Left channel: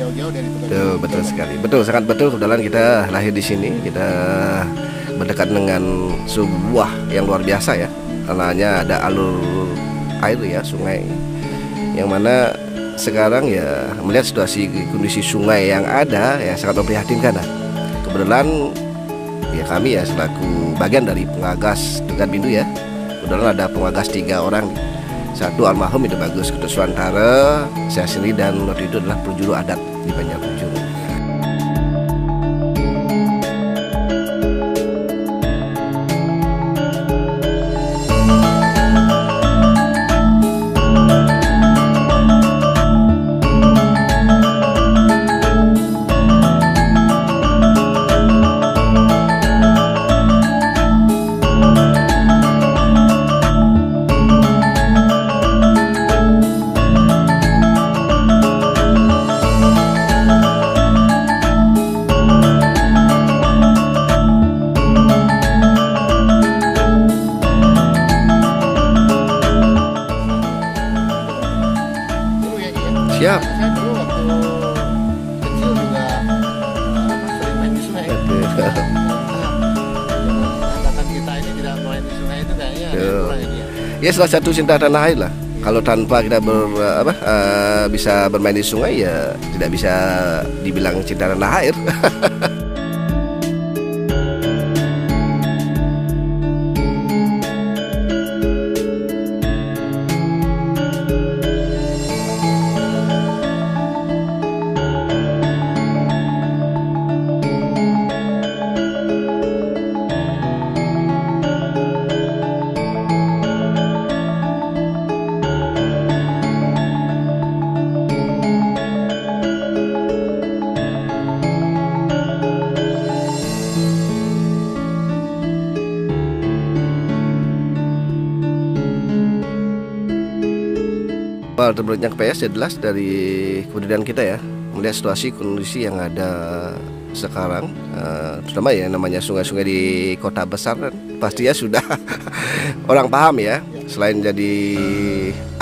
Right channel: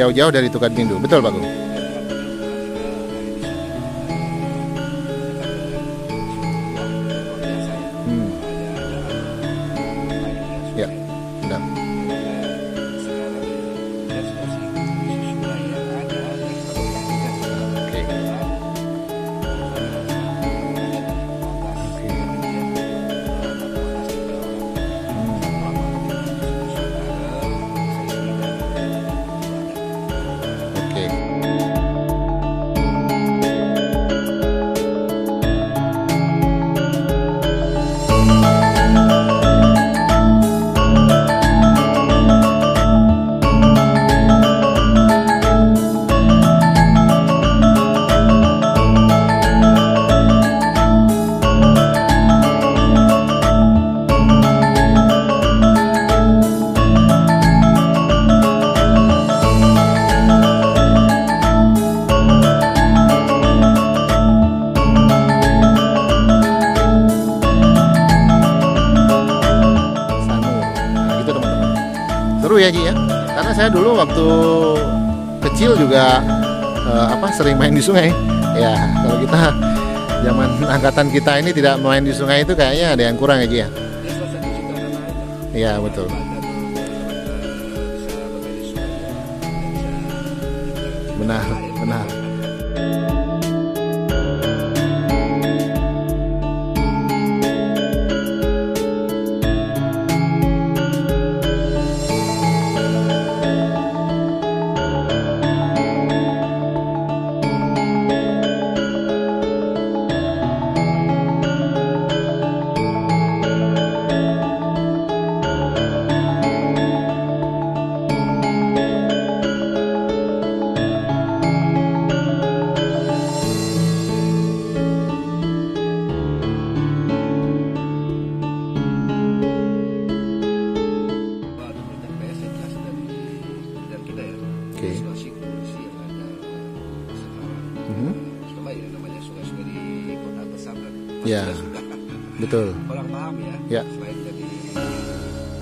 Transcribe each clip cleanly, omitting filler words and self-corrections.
jauh-jauh dari Tukat Bindu. Betul, Pak? Betul, sangat betul. Kebetulan kita lahir di sini, kita berdekat dengan sebuah yang luar biasa ya. Tanahnya ada alur air ya, sungai. Yang mana sekarang ya melihat situasi kondisi sungai yang ada ya sangat memprihatinkan. Kebetulan ya kami ya selaku bagian dari pengagas Tukat Bindu ya. Kebetulan ada pengagas 3 orang. Satu almarhum itu Bagus Ketuswantara, saya sendiri, dan waktu itu adalah penjuru adat di Banjarmasin. Karena saya dulu waktu kecil juga sering main di sungai. Ya, kalau kita zaman angkatan kita ini tidak main di sungai itu kayaknya ada yang kurang ya, Ki ya. Ya salah satu cinta tanah air lah. Ya, kalau betul. Tanpa kita bisa bermain di sungai ya tidak bisa dibilang cinta tanah air. Terbentuknya KPS ya jelas dari kebudayaan kita ya, melihat situasi kondisi yang ada sekarang, terutama ya namanya sungai-sungai di kota besar kan pasti ya sudah orang paham ya, selain jadi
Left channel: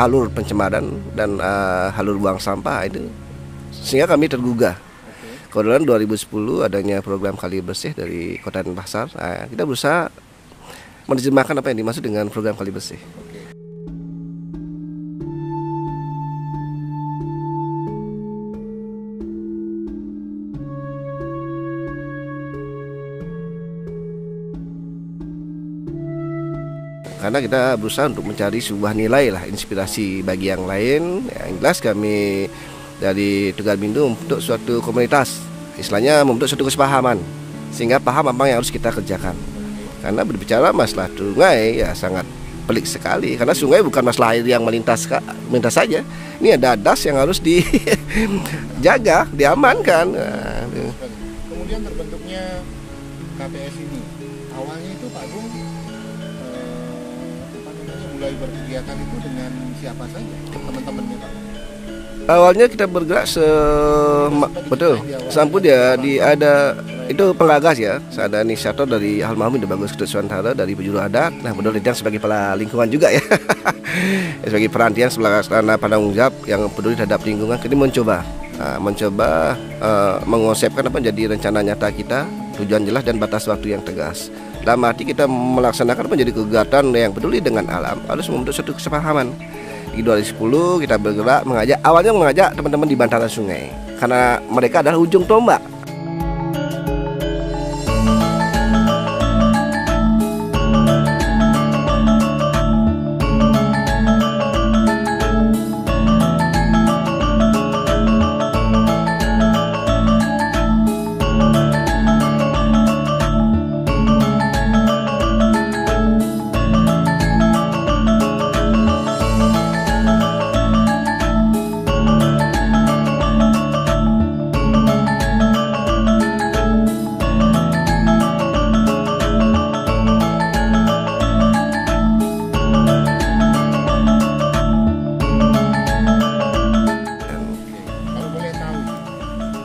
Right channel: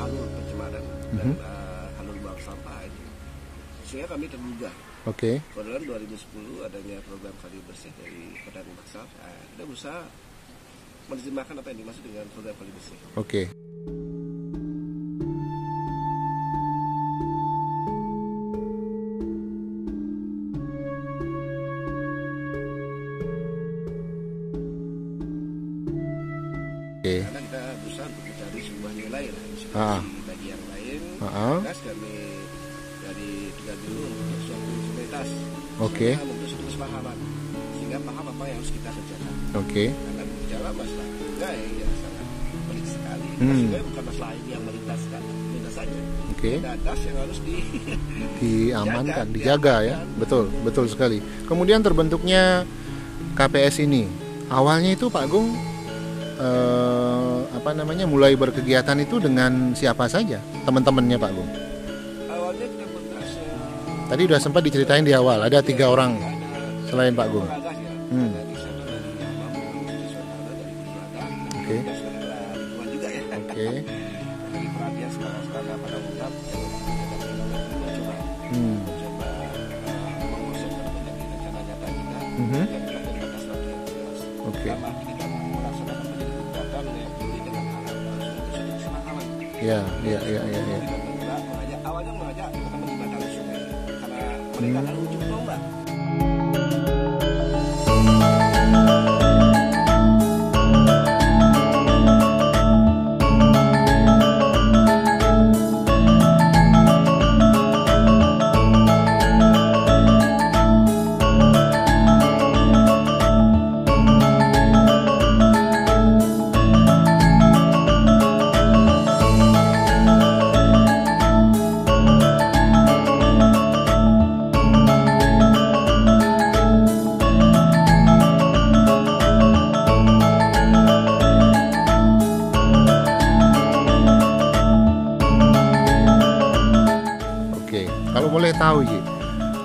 alur pencemaran dan alur buang sampah itu, sehingga kami tergugah. Kebetulan 2010 adanya program Kali Bersih dari Kota Denpasar, kita berusaha menerjemahkan apa yang dimaksud dengan program Kali Bersih. Karena kita berusaha untuk mencari sebuah nilai lah, inspirasi bagi yang lain. Jelas kami dari Tukat Bindu untuk suatu komunitas, istilahnya membentuk suatu kesepahaman, sehingga paham apa yang harus kita kerjakan. Karena berbicara masalah sungai ya sangat pelik sekali, karena sungai bukan masalah air yang melintas saja. Ini ada das yang harus dijaga, diamankan. Betul sekali. Kemudian terbentuknya KPS ini, awalnya itu Pak Agung mulai berkegiatan itu dengan siapa saja teman-temannya Pak Agung? Awalnya kita bergerak tadi udah sempat diceritain di awal, ada itu pengagas ya, ada inisiator dari almarhum Bagus Ketuswantara dari penjuru adat. Nah, Bedol Lijang sebagai kepala lingkungan juga ya, sebagai perantian sebelah penanggung jawab yang peduli terhadap lingkungan. Kita mencoba mengonsepkan apa jadi rencana nyata kita, tujuan jelas dan batas waktu yang tegas. Dalam arti kita melaksanakan menjadi kegiatan yang peduli dengan alam, harus membentuk suatu kesepahaman. Di 2010 kita bergerak mengajak teman-teman di bantaran sungai, karena mereka adalah ujung tombak.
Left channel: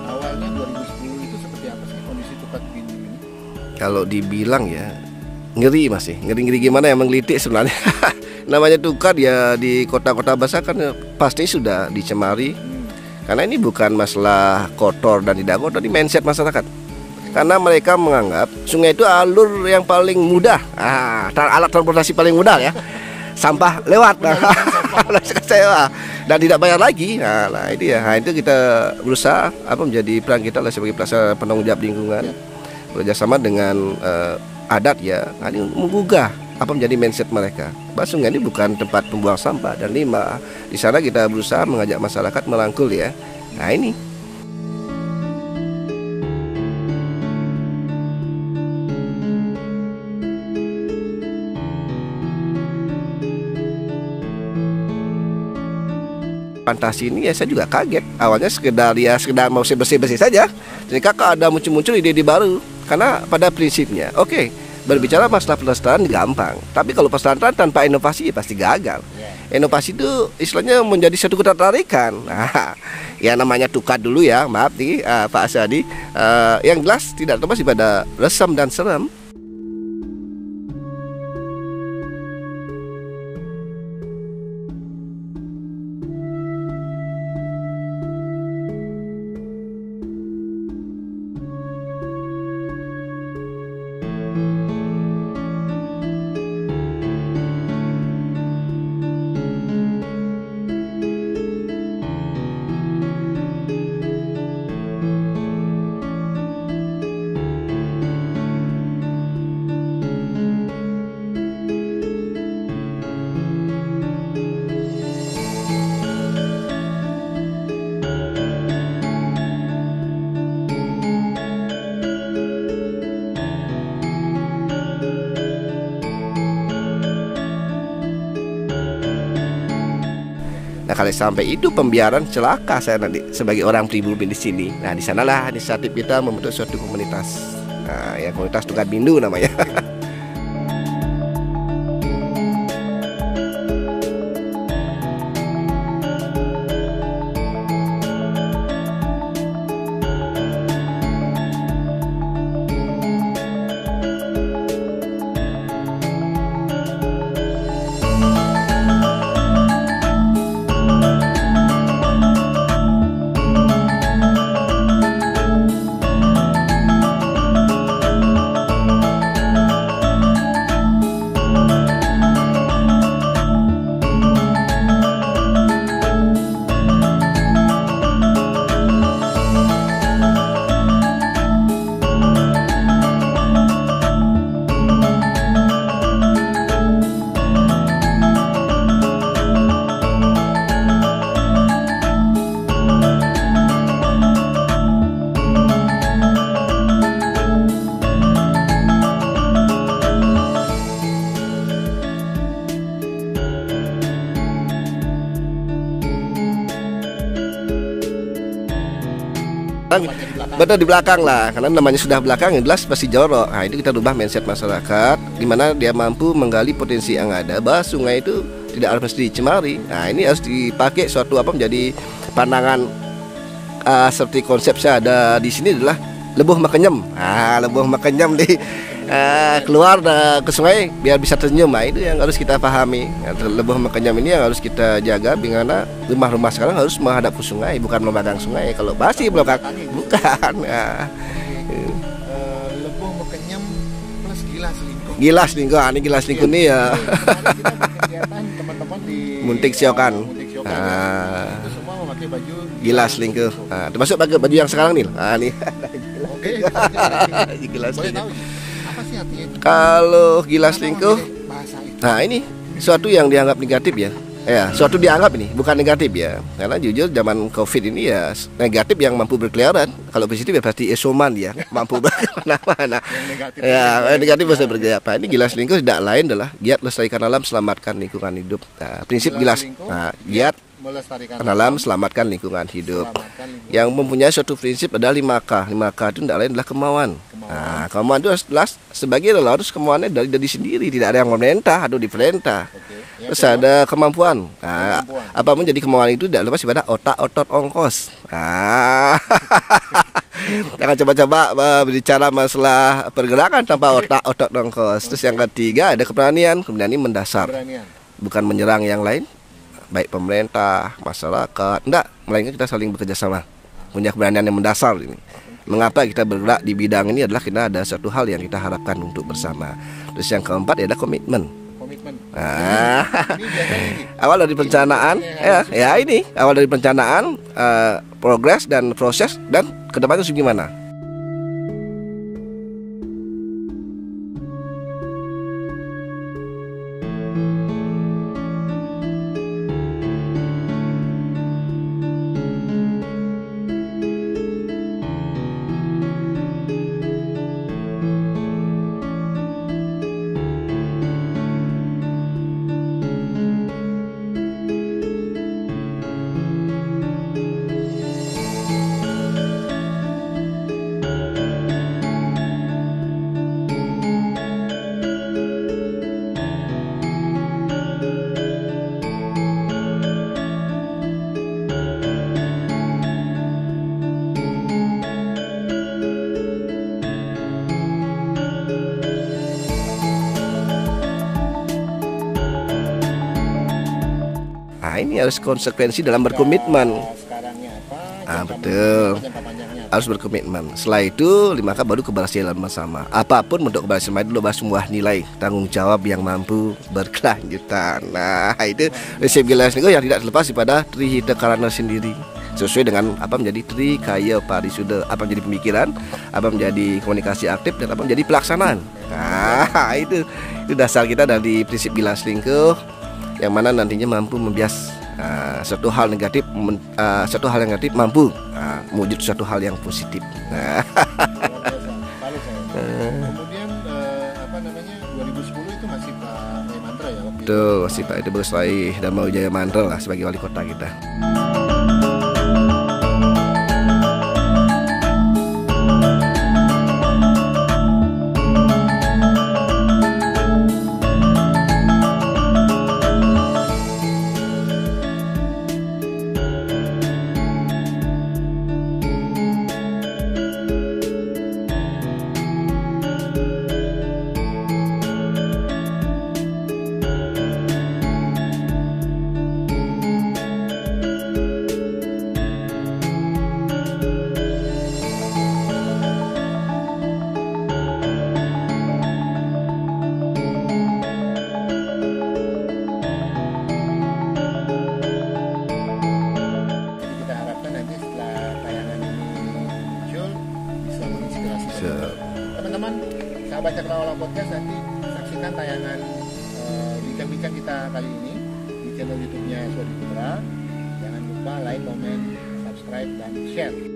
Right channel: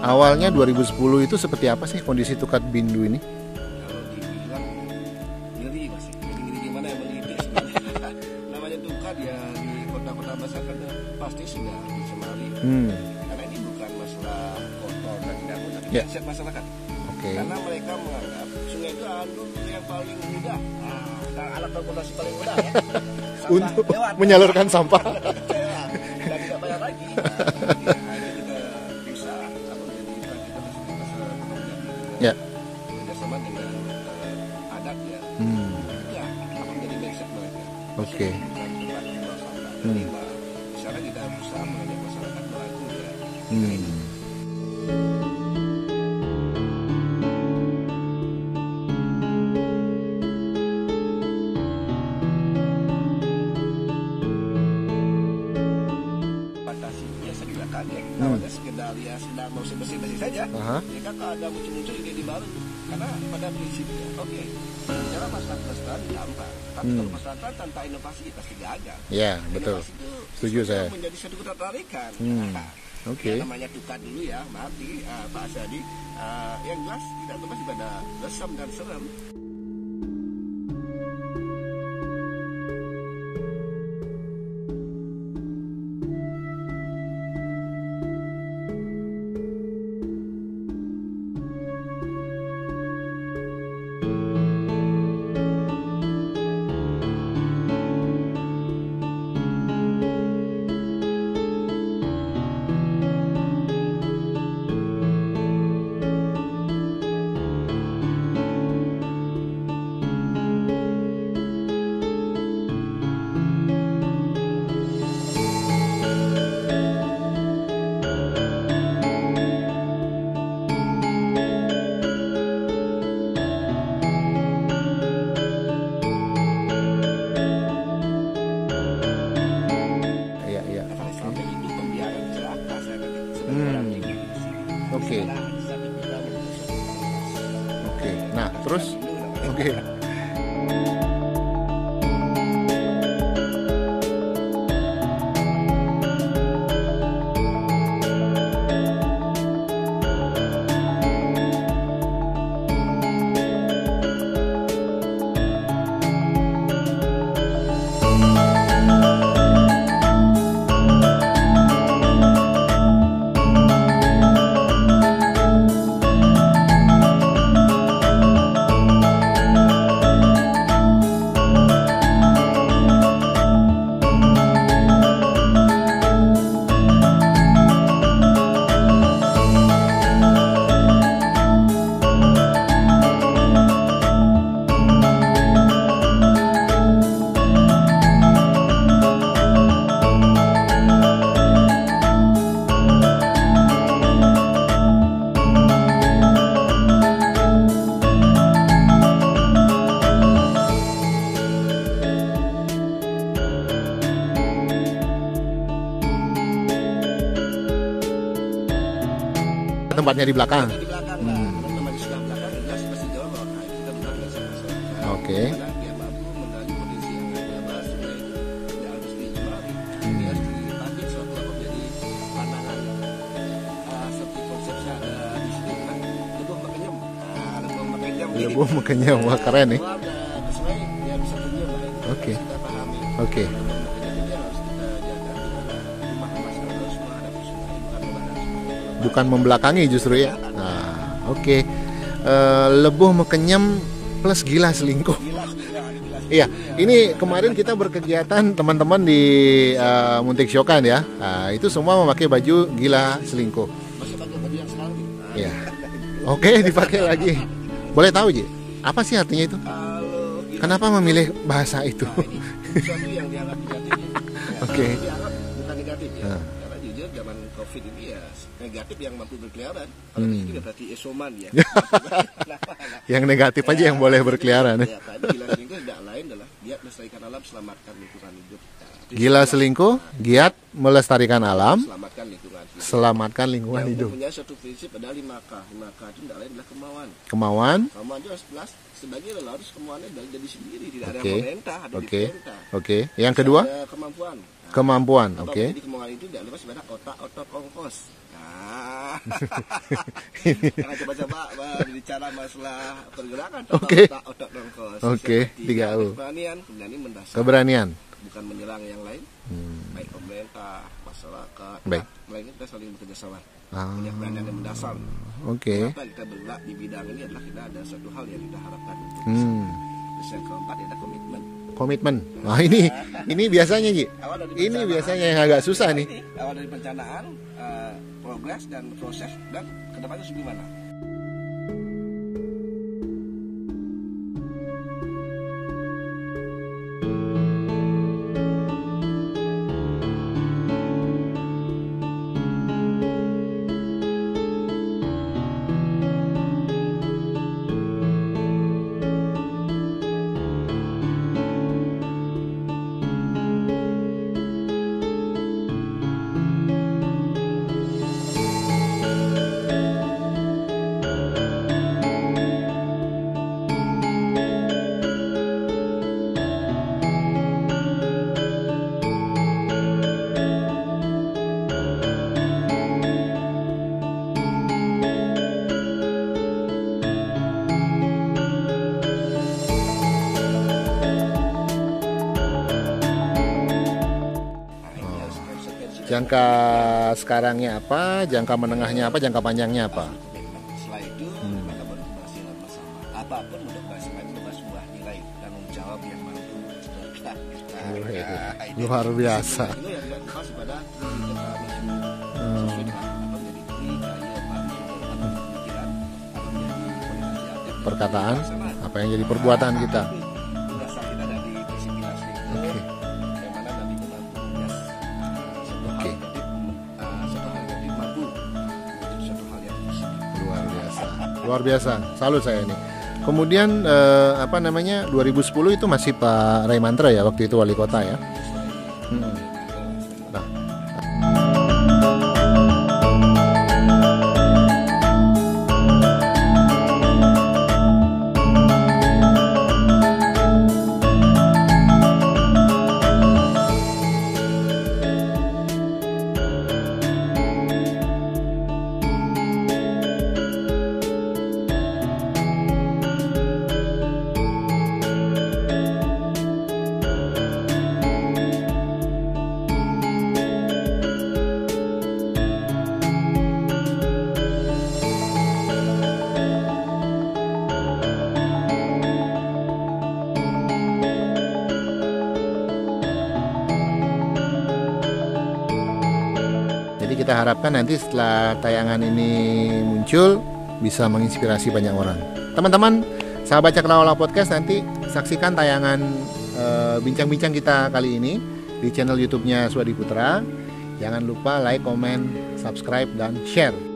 Awalnya 2010 itu seperti apa sih kondisi Tukat Bindu ini? Kalau dibilang ya ngeri masih, ngeri gimana yang menggelitik sebenarnya. Namanya Tukat ya di kota-kota besar kan pasti sudah dicemari. Karena ini bukan masalah kotor dan tidak kotor, ini mindset masyarakat. Karena mereka menganggap sungai itu alur yang paling mudah, alat transportasi paling mudah ya. Sampah lewat, menyalurkan sampah dan tidak bayar lagi. Nah, itu ya. Nah, itu kita berusaha menjadi peran kita sebagai pelaksana penanggung jawab lingkungan. Bekerjasama dengan adat ya, menggugah menjadi mindset mereka. Bahwa sungai ini bukan tempat pembuang sampah dan limbah. Di sana kita berusaha mengajak masyarakat merangkul ya. Nah, ini. Fantasi ini ya saya juga kaget. Awalnya sekedar mau bersih-bersih saja. Jadi kakak ada muncul-muncul ide-ide baru. Karena pada prinsipnya, berbicara masalah pelestarian gampang. Tapi kalau pelestarian tanpa inovasi ya pasti gagal. Inovasi itu istilahnya menjadi satu ketertarikan. Nah, ya namanya tukar dulu ya, maaf nih Pak Asyadi. Yang jelas tidak terlepas pada resam dan seram. Nah, kalau sampai itu pembiaran celaka saya nanti sebagai orang pribumi di sini. Nah, di sanalah inisiatif kita membentuk suatu komunitas. Nah, ya komunitas Tukar Bindu namanya. Tempatnya di belakang. Betul di belakang lah, karena namanya sudah belakang, jelas pasti jorok. Nah, itu kita rubah mindset masyarakat, di mana dia mampu menggali potensi yang ada. Bahwa sungai itu tidak harus dicemari. Nah, ini harus dipakai suatu menjadi pandangan seperti konsep saya ada di sini adalah lebuh makenyem. Lebuh makenyem nih. Keluar ke sungai biar bisa tersenyum. Nah, itu yang harus kita pahami. Lebuh makenyem ini yang harus kita jaga, karena rumah-rumah sekarang harus menghadap ke sungai, bukan membelakangi sungai. Kalau bukan membelakangi justru ya. Lebuh makenyem plus gila selingkuh. Gila selingkuh, ini gila selingkuh ini ya. Ini kemarin kita berkegiatan teman-teman di Muntik Siokan ya. Itu semua memakai baju gila selingkuh. Termasuk pakai baju yang sekarang nih. Oke, dipakai lagi. Boleh tahu Ji, apa sih artinya itu? Kalau gila selingkuh, memilih bahasa itu? Nah, ini suatu yang dianggap negatif ya. Suatu dianggap ini bukan negatif ya. Karena jujur zaman Covid ini ya negatif yang mampu berkeliaran. Kalau positif ya pasti esoman ya, mampu berkemana-mana. Yang negatif aja yang boleh negatif seperti apa? Ini gila selingkuh tidak lain adalah giat lestarikan alam, selamatkan lingkungan hidup. Prinsip gila selingkuh, giat melestarikan alam, selamatkan lingkungan hidup. Selamatkan lingkungan yang hidup. Mempunyai suatu prinsip adalah 5K. 5K itu tidak lain adalah kemauan. Kemauan itu jelas sebagai harus kemauannya dari diri sendiri, tidak ada yang memerintah atau diperintah. Yang kedua ada kemampuan. Kemampuan. Apapun jadi kemauan itu tidak lepas pada otak, otot, ongkos. Jangan coba-coba berbicara masalah pergerakan tanpa otak, otot, ongkos. Terus yang ketiga ada keberanian. Keberanian ini mendasar. Keberanian. Bukan menyerang yang lain. baik pemerintah, masyarakat, enggak, melainkan kita saling bekerja sama. Punya keberanian yang mendasar ini. Mengapa kita bergerak di bidang ini adalah kita ada satu hal yang kita harapkan untuk bersama. Terus yang keempat adalah komitmen. Nah, ini biasanya Ki. Awal dari perencanaan, awal dari perencanaan, progres dan proses, dan kedepannya harus gimana. Ini harus konsekuensi dalam berkomitmen. Sekarangnya apa, jangka menengahnya apa, jangka panjangnya apa. Harus berkomitmen. Setelah itu, maka baru keberhasilan bersama. Apapun bentuk keberhasilan itu adalah sebuah nilai tanggung jawab yang mampu berkelanjutan. Nah, itu prinsip Glasgow yang tidak terlepas daripada Trihita Karana sendiri. Sesuai dengan apa menjadi Tri Kaya Parisuda, apa menjadi pemikiran, apa menjadi komunikasi aktif, dan apa menjadi pelaksanaan. Itu dasar kita dari prinsip Glasgow, yang mana nantinya mampu membias satu hal negatif mampu mewujud suatu hal yang positif. Luar biasa, salut saya ini. Kemudian 2010 itu masih Pak Ray Mantra ya waktu itu wali kota. Masih Pak itu Ray Darmawujaya Mantra lah sebagai wali kota kita. Kita harapkan nanti setelah tayangan ini muncul bisa menginspirasi banyak orang. Teman-teman, sahabat Cakrawala Podcast, nanti saksikan tayangan bincang-bincang kita kali ini di channel YouTube-nya Swadi Putra. Jangan lupa like, comment, subscribe, dan share.